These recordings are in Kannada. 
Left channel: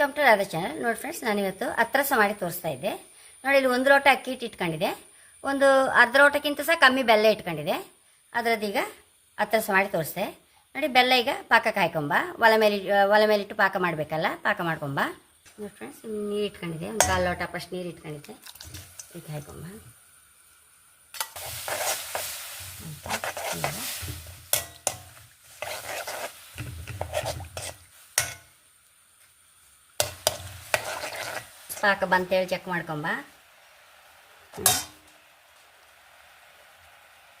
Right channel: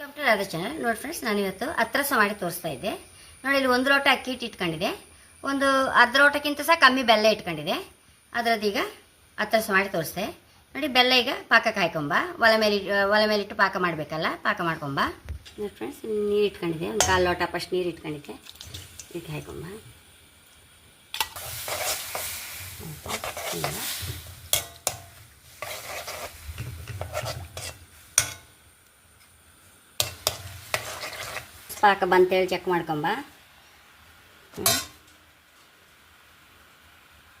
ವೆಲ್ಕಮ್ ಟು ರಾಧಾ ಚಾನಲ್ ನೋಡಿ ಫ್ರೆಂಡ್ಸ್ ನಾನು ಇವತ್ತು ಹತ್ರಸ ಮಾಡಿ ತೋರಿಸ್ತಾ ಇದ್ದೆ. ನೋಡಿ, ಇಲ್ಲಿ ಒಂದು ಲೋಟ ಅಕ್ಕಿ ಹಿಟ್ಟು ಇಟ್ಕೊಂಡಿದೆ ಒಂದು ಅರ್ಧ ಲೋಟಕ್ಕಿಂತ ಸಹ ಕಮ್ಮಿ ಬೆಲ್ಲ ಇಟ್ಕೊಂಡಿದೆ ಅದರದ್ದೀಗ ಅತ್ರಸ ಮಾಡಿ ತೋರಿಸ್ದೆ. ನೋಡಿ, ಬೆಲ್ಲ ಈಗ ಪಾಕ ಕಾಯ್ಕೊಂಬ ಒಲೆ ಮೇಲೆ ಒಲೆ ಮೇಲೆ ಇಟ್ಟು ಪಾಕ ಮಾಡಬೇಕಲ್ಲ, ಪಾಕ ಮಾಡ್ಕೊಂಬ. ನೋಡಿ ಫ್ರೆಂಡ್ಸ್ ನೀರು ಇಟ್ಕೊಂಡಿದೆ ಒಂದು ಕಾಲು ಲೋಟ ಫಸ್ಟ್ ನೀರು ಇಟ್ಕೊಂಡಿದ್ದೆ. ಇಟ್ಟು ಹಾಕೊಂಬ ಈಗ ಪಾಕ ಬಂತೇಳಿ ಚೆಕ್ ಮಾಡ್ಕೊಂಬ.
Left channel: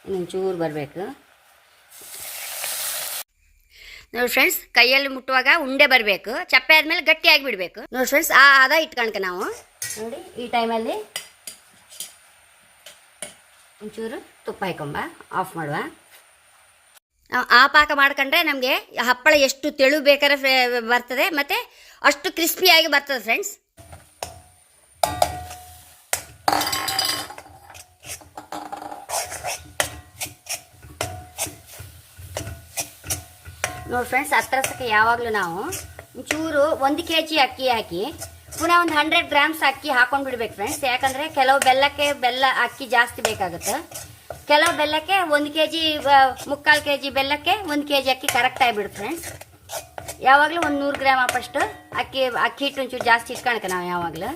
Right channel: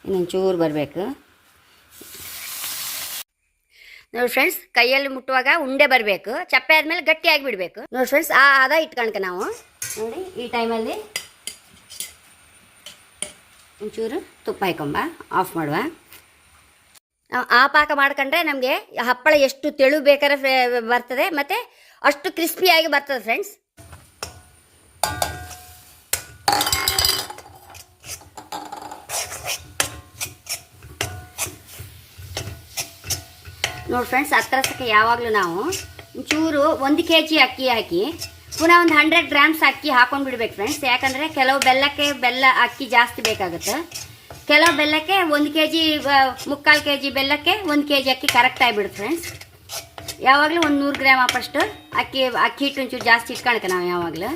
ಇನ್ನೊಂದು ಚೂರು ಬರಬೇಕು. ನೋಡಿ ಫ್ರೆಂಡ್ಸ್ ಕೈಯಲ್ಲಿ ಮುಟ್ಟುವಾಗ ಉಂಡೆ ಬರಬೇಕು. ಚಪ್ಪೆ ಆದಮೇಲೆ ಗಟ್ಟಿಯಾಗಿ ಬಿಡಬೇಕು ನೋಡಿ ಫ್ರೆಂಡ್ಸ್ ಆ ಅದ ಇಟ್ಕೊಳ್ಕ ನಾವು. ನೋಡಿ, ಈ ಟೈಮಲ್ಲಿ ಒಂಚೂರು ತುಪ್ಪ ಹಾಕೊಂಬ. ಆಫ್ ಮಾಡುವ. ಆ ಪಾಕ ಮಾಡ್ಕೊಂಡ್ರೆ ನಮಗೆ ಹಪ್ಪಳ ಎಷ್ಟು ತೆಳು ಬೇಕಾದ್ರೆ ಬರ್ತದೆ, ಮತ್ತು ಅಷ್ಟು ಕ್ರಿಸ್ಪಿಯಾಗಿ ಬರ್ತದೆ ಫ್ರೆಂಡ್ಸ್ ನೋಡಿ ಫ್ರೆಂಡ್ಸ್ ಹತ್ರಸಕ್ಕೆ ಯಾವಾಗಲೂ ನಾವು ಒಂಚೂರು ಒಂದು ಕೆ ಜಿ ಅಕ್ಕಿ ಹಾಕಿ, ಪುನಃ ಒಂದು ಹಂಡ್ರೆಡ್ ಗ್ರಾಮ್ಸ್ ಅಕ್ಕಿ ಹಾಕೊಂಡು ಬಿಡ್ಬೇಕು ಫ್ರೆಂಡ್ಸ್ ಯಾಕಂದರೆ ಕೆಲವು ಬೆಲ್ಲಕ್ಕೆ ಬೆಲ್ಲ ಅಕ್ಕಿ ಜಾಸ್ತಿ ಬೇಕಾಗುತ್ತೆ. ಕೆಲವು ಬೆಲ್ಲಕ್ಕೆ ಒಂದು ಕೆ ಜಿ ಮುಕ್ಕಾಲು ಕೆ ಜಿ ಬೆಲ್ಲಕ್ಕೆ ಒಂದು ಕೆ ಜಿ ಅಕ್ಕಿ ಕರೆಕ್ಟ್ ಆಗಿಬಿಡುತ್ತೆ ಫ್ರೆಂಡ್ಸ್ ಯಾವಾಗಲೂ ಒಂದು ನೂರು ಗ್ರಾಮ್ ಅಪ್ಪಷ್ಟು ಅಕ್ಕಿ ಅಕ್ಕಿ ಹಿಟ್ಟು ಒಂಚೂರು ಜಾಸ್ತಿ ಇಟ್ಕೊಳಕ್ಕೆ ನಾವು ಯಾವಾಗಲೂ.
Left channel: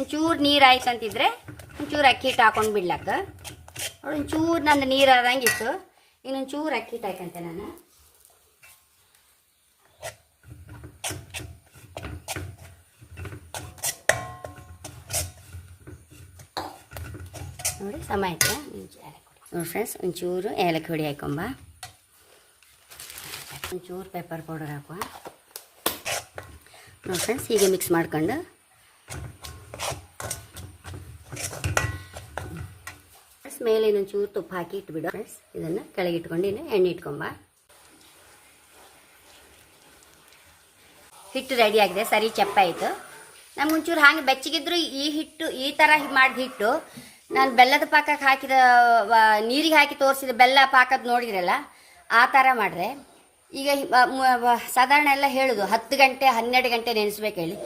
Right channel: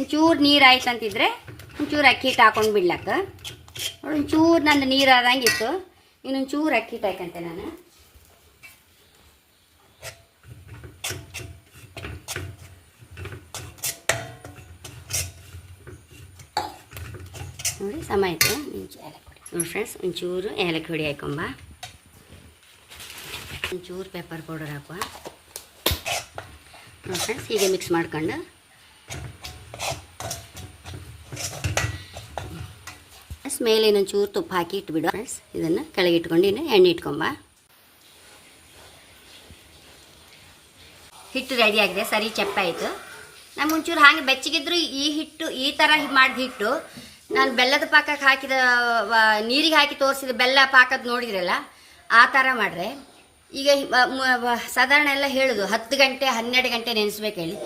ಒಂಚೂರು ನೀರು ಆಯ್ತು ಅಂತಿದ್ರೆ ಒಂಚೂರು ಅಕ್ಕಿ ಹಿಟ್ಟು ಹಾಕೊಂಡು ಬಿಡ್ಲಕ್ಕ. ಒಂಚೂರು ನಂದು ನೀರು ಆದಂಗಿತ್ತು ಇನ್ನೊಂದು ಚೂರು ಅಕ್ಕಿ ಹಾಕಂತೆ ನಾನು. ನೋಡಿ ಸಮ ಆಯ್ತು. ನೋಡಿ ಫ್ರೆಂಡ್ಸ್ ಒಂಚೂರು ಏಲಕ್ಕಿ ಹುಡಿ ಹಾಕೊಂಬ. ಒಂಚೂರು ಪೇಪರ್ ಪೌಡರ್ ಹಾಕುವ. ನೋಡಿ ಫ್ರೆಂಡ್ಸ್ ಹೀಗೆ ಮಿಕ್ಸ್ ಮಾಡ್ಕೊಂಡು ಮೇಲೆ ಇನ್ನೊಂದು ಚೂರು ತುಪ್ಪ ಹಾಕಿ ಇಟ್ಬಿಡು. ಫ್ರೆಂಡ್ಸ್, ಇದನ್ನು ಕೆಳಗೆ ಇಟ್ಕೊಂಡು ಇನ್ನು ಎಣ್ಣೆ ಇಟ್ಕೊಂಬ. ಹಿಟ್ಟು ರೆಡಿ ಆಗಿದೆ. ಸರಿ ಆಯಿತು ನಮ್ಗೆ ಒಂಚೂರು ಹಾಗೆ ಬೆಚ್ಚಗಿದ್ರು ಈ ಹಿಟ್ಟು, ಈ ಥರ ಮಾಡಿದ ಹಿಟ್ಟು. ನಾನು ಬೆಲ್ಲದ ಪಾಕಕ್ಕೆ ಹಾಕಿದ ನೀರಿಗೆ ಹಾಕಿ ತೋರಿಸಿದ ಬೆಲ್ಲ ಪಾಕದ ನೋಡಿದ್ರಲ್ಲ, ಆ ಥರ ಮಾಡ್ರೆ. ಈಗ ಸಾಧಾರಣ ಎಲ್ಲ ಹೇಳುದು. ಹತ್ತು ಗಂಟೆ, ಹನ್ನೆರಡು ಗಂಟೆ ನೆನೆಸ್ಬೇಕು ಹೇಳಿ.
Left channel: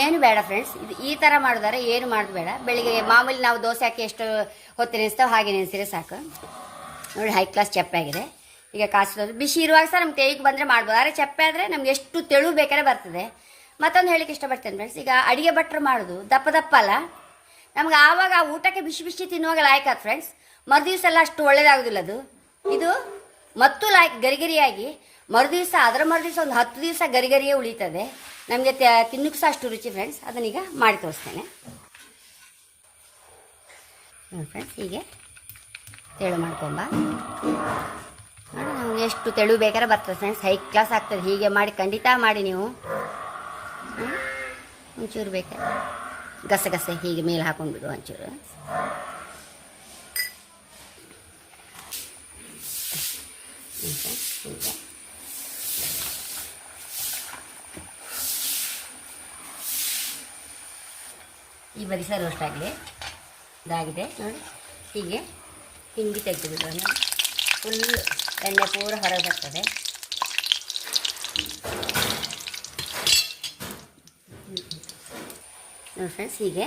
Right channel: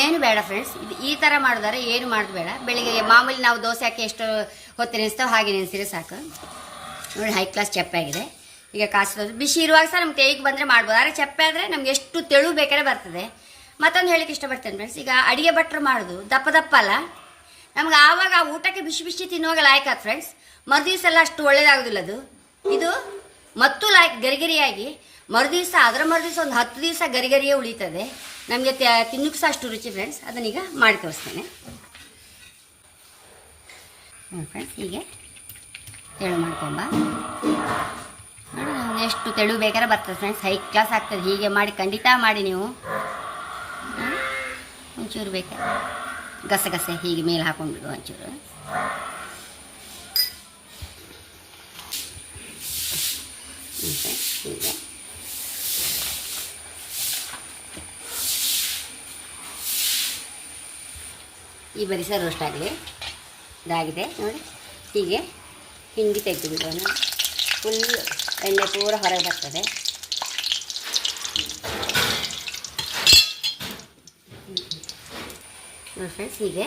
ಏನು ಬೇಡ ಫ್ರೆಂಡ್ಸ್ ಇದು ಈ ಥರ ಮಾಡಿದಾರೆ ಏನು ಮಾಡೋದು ಬೇಡ. ಬೆಳಿಗ್ಗೆ ಮಾಮೂಲಿ ನಾವು ದೋಸೆ ಹಾಕಿ ಎಷ್ಟು ಹೊತ್ತು ನೆನೆಸ್ತೇವೆ ಹಾಗೆ ನೆನೆಸಿದ್ರೆ ಸಾಕು. ನೋಡಿ ಹೈ ಕ್ಲಾಸ್ ಚಪ್ಪೆ ಆಗಿದೆ. ಈಗ ಕಾಸೋದು ಬಿಸಿ ಇರುವಾಗ ಸಹ ನಮ್ಮ ಕೈಗೆ ಬಂದರೆ ಮಾಡ್ಬೋದು. ಆದರೆ ಚಪ್ಪೆ ಆದರೆ ನಮ್ಗೆ ಎಷ್ಟು ತೆಳು ಬೇಕಾದ್ರೆ ಬರ್ತದೆ. ಮತ್ತೊಂದು ಹೇಳಿಕ್ಕೆ ಇಷ್ಟಪಡ್ತೇನೆ ಫ್ರೆಂಡ್ಸ್ ಈಗ ಅಡುಗೆ ಭಟ್ರು ಮಾಡೋದು. ದಪ್ಪ ದಪ್ಪ ಅಲ್ಲ. ನಮ್ಗೆ ಆವಾಗ ಆ ಊಟಕ್ಕೆ ಬಿಸಿ ಬಿಸಿ ತಿನ್ನುವಾಗ ಲಾಯ್ಕಾದ ಫ್ರೆಂಡ್ಸ್ ಮರುದಿವ್ಸ ಎಲ್ಲ ಅಷ್ಟು ಒಳ್ಳೇದಾಗೋದಿಲ್ಲ ಅದು. ಇದು ಮತ್ತು ಲಾಯ್ಕ್, ಗರಿಗರಿಯಾಗಿ ಮರುದಿವ್ಸ, ಅದರ ಮರುದಿವಸ ಒಂದು ಹತ್ತು ದಿವಸ ಗರಿಗರಿಯೇ ಉಳಿತದೆ. ನಮಗೆ ತಿನ್ನಕ್ಕೆ ಸಹ ಅಷ್ಟು ರುಚಿ ಫ್ರೆಂಡ್ಸ್ ಅದನ್ನೀಗ ಮಾಡಿ ತೋರಿಸ್ತೇನೆ. ಫ್ರೆಂಡ್ಸ್ ಹೀಗೆ. ತೆಳು ಮಾಡ್ಕೊಂಬ. ನಮ್ಗೆ ಎಷ್ಟು ತೆಳು ಬೇಕಾದ್ರೆ ಬರ್ತದೆ ಫ್ರೆಂಡ್ಸ್ ಹೈ ಕ್ಲಾಸ್ ಆಗ್ತದೆ. ಹೀಗೆ ಮಾಡಿ, ಖಂಡಿತ ಮಾಡಿ ನೀವು? ಒಂಚೂರು ಬೇಕಾ? ಗಸಗಸೆ ಹೀಗೆ ಮೇಲೆ ಹಾಕೊಂಡು ಒಂಚೂರು. ಹೀಗೆ. ಈ ಬರಿ ರೋಸ್ಟ್ ಆಗಿದೆ. ಇದಾಗಿದೆ, ನೋಡಿ. ಹೀಗೆ ಹಿಂಡಿ ತೆಗೆದು ಬಿಡೋಣ ಫುಲ್ ಎಣ್ಣೆ ಪೂರ ಹೊರಗೆ ಬರ್ತದೆ. ನೋಡಿ ಫ್ರೆಂಡ್ಸ್ ಹೀಗೆ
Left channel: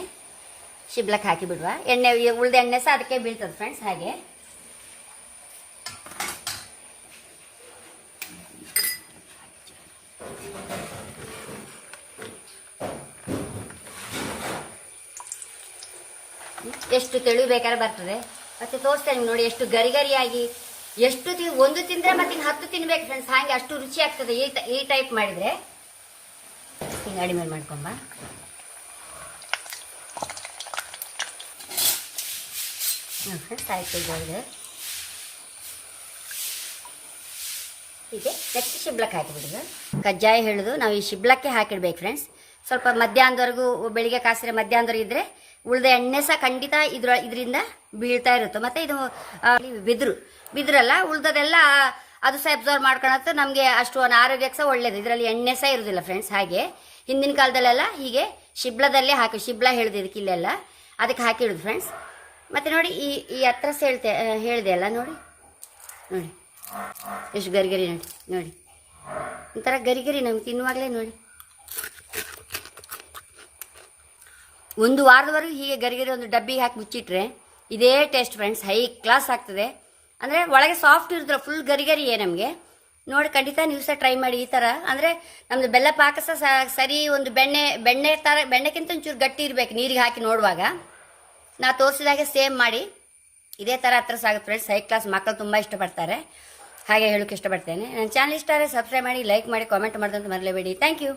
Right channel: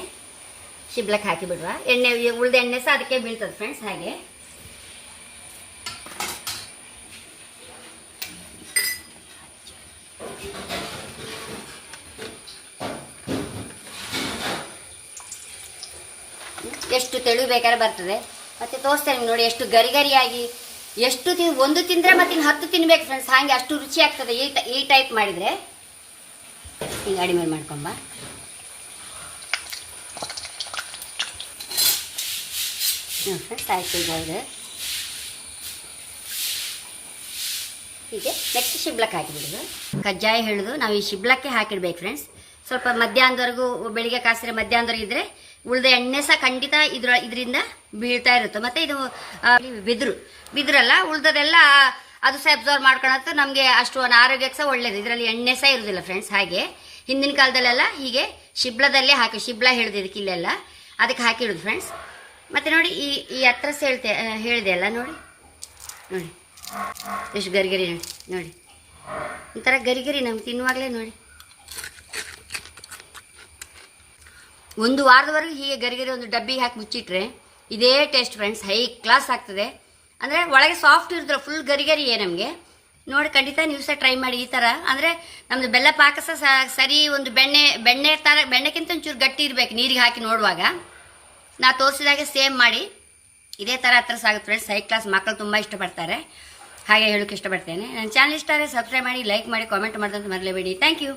ಶಿಬ್ಲಕ್ಕೆ ಹಾಕಿ ಬಿಡುವ ಎಣ್ಣೆ ಉಳ್ದ ಎಣ್ಣೆ ಸಹ ಅದಕ್ಕೆ ಬೀಳ್ತದೆ ಫ್ರೆಂಡ್ಸ್ ಹಾಗೆ. ಎಷ್ಟು ತೆಳು ಬೇಕಾದ್ರೆ ಬರ್ತದೆ. ಮತ್ತೆ ತೋರಿಸ್ತೇನೆ ನೋಡಿ, ಎಷ್ಟು ಗರಿ ಗರಿಯಾಗಿ ಎಷ್ಟು ತಿನ್ ಒಂದು ತಿಂದರೆ ಮತ್ತೆ ಇನ್ನು ಹತ್ತು ತಿನ್ಬೇಕು ಫ್ರೆಂಡ್ಸ್ ಹಾಗೆ ಅಷ್ಟು ರುಚಿ ಆಗ್ತದೆ. ಈ ಈ ಟೈಪ್ ಮಾಡಿದರೆ. ಹಿಂಗೆ ಅಡಿಮೇಲೆ ಮಾಡ್ಕೊಂಬ ಹೀಗೆ ನೆಕ್ಸ್ಟ್ ಶಿಬ್ಲಕ್ಕೆ ಹಾಕಿಬಿಡೋದು ಕಜ್ಜಾಯ ಹೇಳುದು, ನಾವು ಈ ಶಿಬ್ಲಕ್ಕೆ ಹಾಕಿಡ್ಬೇಕು ಫ್ರೆಂಡ್ಸ್ ಸ್ವಲ್ಪ ಮಧ್ಯಾಹ್ನದವರೆಗೂ ಬೆಳಿಗ್ಗೆ ಕಾಸಿದ್ರೆ ಮಧ್ಯಾಹ್ನದವರೆಗೆ ಇದ್ರೆ ಉಳಿದ ಎಣ್ಣೆ ಸಹ ಖಂಡಿತ ಇದ್ರ ಇದರಿಂದ ಬೀಳ್ತಾ ಇರುತ್ತೆ. ಮತ್ತೆ ಇದು ಬಿದ್ರು. ಬಿದ್ರಲ್ಲ, ಉಳ್ದದೆಲ್ಲ ಅದು ಸಹ ಅಬ್ಸರ್ವ್ ಮಾಡ್ಕೊಳತ್ತೆ ನಮಗೆ ಅಷ್ಟು ಒಂದು ಆರೋಗ್ಯಕ್ಕೆ ಸಹ ಒಳ್ಳೇದು. ಇದರಲ್ಲಿ ಎಣ್ಣೆ ಸಹ ಇರೋದಿಲ್ಲ ಫ್ರೆಂಡ್ಸ್ ಹಾಗೆ. ಹಿಂದಿನ ಕಾಲದಲ್ಲೆಲ್ಲ ಹೀಗೆ ಶಿಬ್ಲದಲ್ಲೇ ಹಾಕಿ ಶಿಬ್ಲ ಹೇಳಿದೆ ಇದಕ್ಕೆ ಇಲ್ಲೆಲ್ಲ ಅದಕ್ಕೆ ಹಾಕಿಡುದು ಫ್ರೆಂಡ್ಸ್ ಮತ್ತೆ ನೋಡಿ, ಈ ಈ ಹತ್ರ ಹೇಳ್ತೆ ಹೇಳಿದೆ ಅಲ್ಲ, ನೋಡಿ. ನೋಡಿ. ಎಷ್ಟು ಗರಿಗರಿ ನೋಡಿ ನೋಡಿ. ಒಂಥರ ಗರಿಗರಿ ಗರಿ ನಮ್ಗೆ ತಿನ್ನುವಾಗಲೇ ನೋಡಿ. ಒಂದು ವಾರದವರೆಗೂ ಹೀಗೆ ಗರಿ ಗರಿ ಒಂದು ಡಬ್ಬಿ ಹಾಕಿ ಮುಚ್ಚಿಟ್ರೆ ಇದೇ ಟೇಸ್ಟ್ ಫ್ರೆಂಡ್ಸ್ ಹೈ ಕ್ಲಾಸ್ ಆಗ್ತದೆ. ಅಂದರೆ ಒಳಗೆ ಸಾಫ್ಟ್ ಇರ್ತದೆ ಫುಲ್ ಗರಿಗರಿ ಏ ನಮಗೆ? ನೋಡಿ, ಖಂಡಿತ ನೀವು ಸಹ ಟ್ರೈ ಮಾಡಿ ಈ ಥರ ಅಂದರೆ ನಮ್ಮದು ಬೆಲ್ಲ ಪಾಕ ಸಹ ಸರಿ, ಒಂದು ಬೆಣ್ಣೆ ಬೆಣ್ಣೆ ಥರ ಬೆಣ್ಣೆಕ್ಕಿಂತ ಒಂಚೂರು ಗಟ್ಟಿ ಇರಬೇಕು ನೀರಿಗೆ ಹಾಕಿ ನೋಡುವಾಗ. ನಾ ತೋರಿಸಿದಾಗೆ ಸೇಮ್ ಮಾಡಿ. ಇದೇ ಥರ ಹತ್ರ ಸಾಗುತ್ತೆ ಫ್ರೆಂಡ್ಸ್ ಹೈ ಕ್ಲಾಸ್ ಮಕ್ಕಳು ತುಂಬ ಇಷ್ಟಪಡ್ತಾರೆ. ಹಾಗೆ ಹೇಳೋಕ್ಕೆ ಇಷ್ಟಪಡ್ತೇನೆ. ನನ್ನ ಚಾನಲ್ ಇಷ್ಟ ಆದರೆ ಸಬ್ಸ್ಕ್ರೈಬ್ ಮಾಡಿ ಲೈಕ್ ಮಾಡಿ ಕಾಮೆಂಟ್ ಮಾಡೋದಂತ ಮರಲೇಬೇಡಿ. Thank you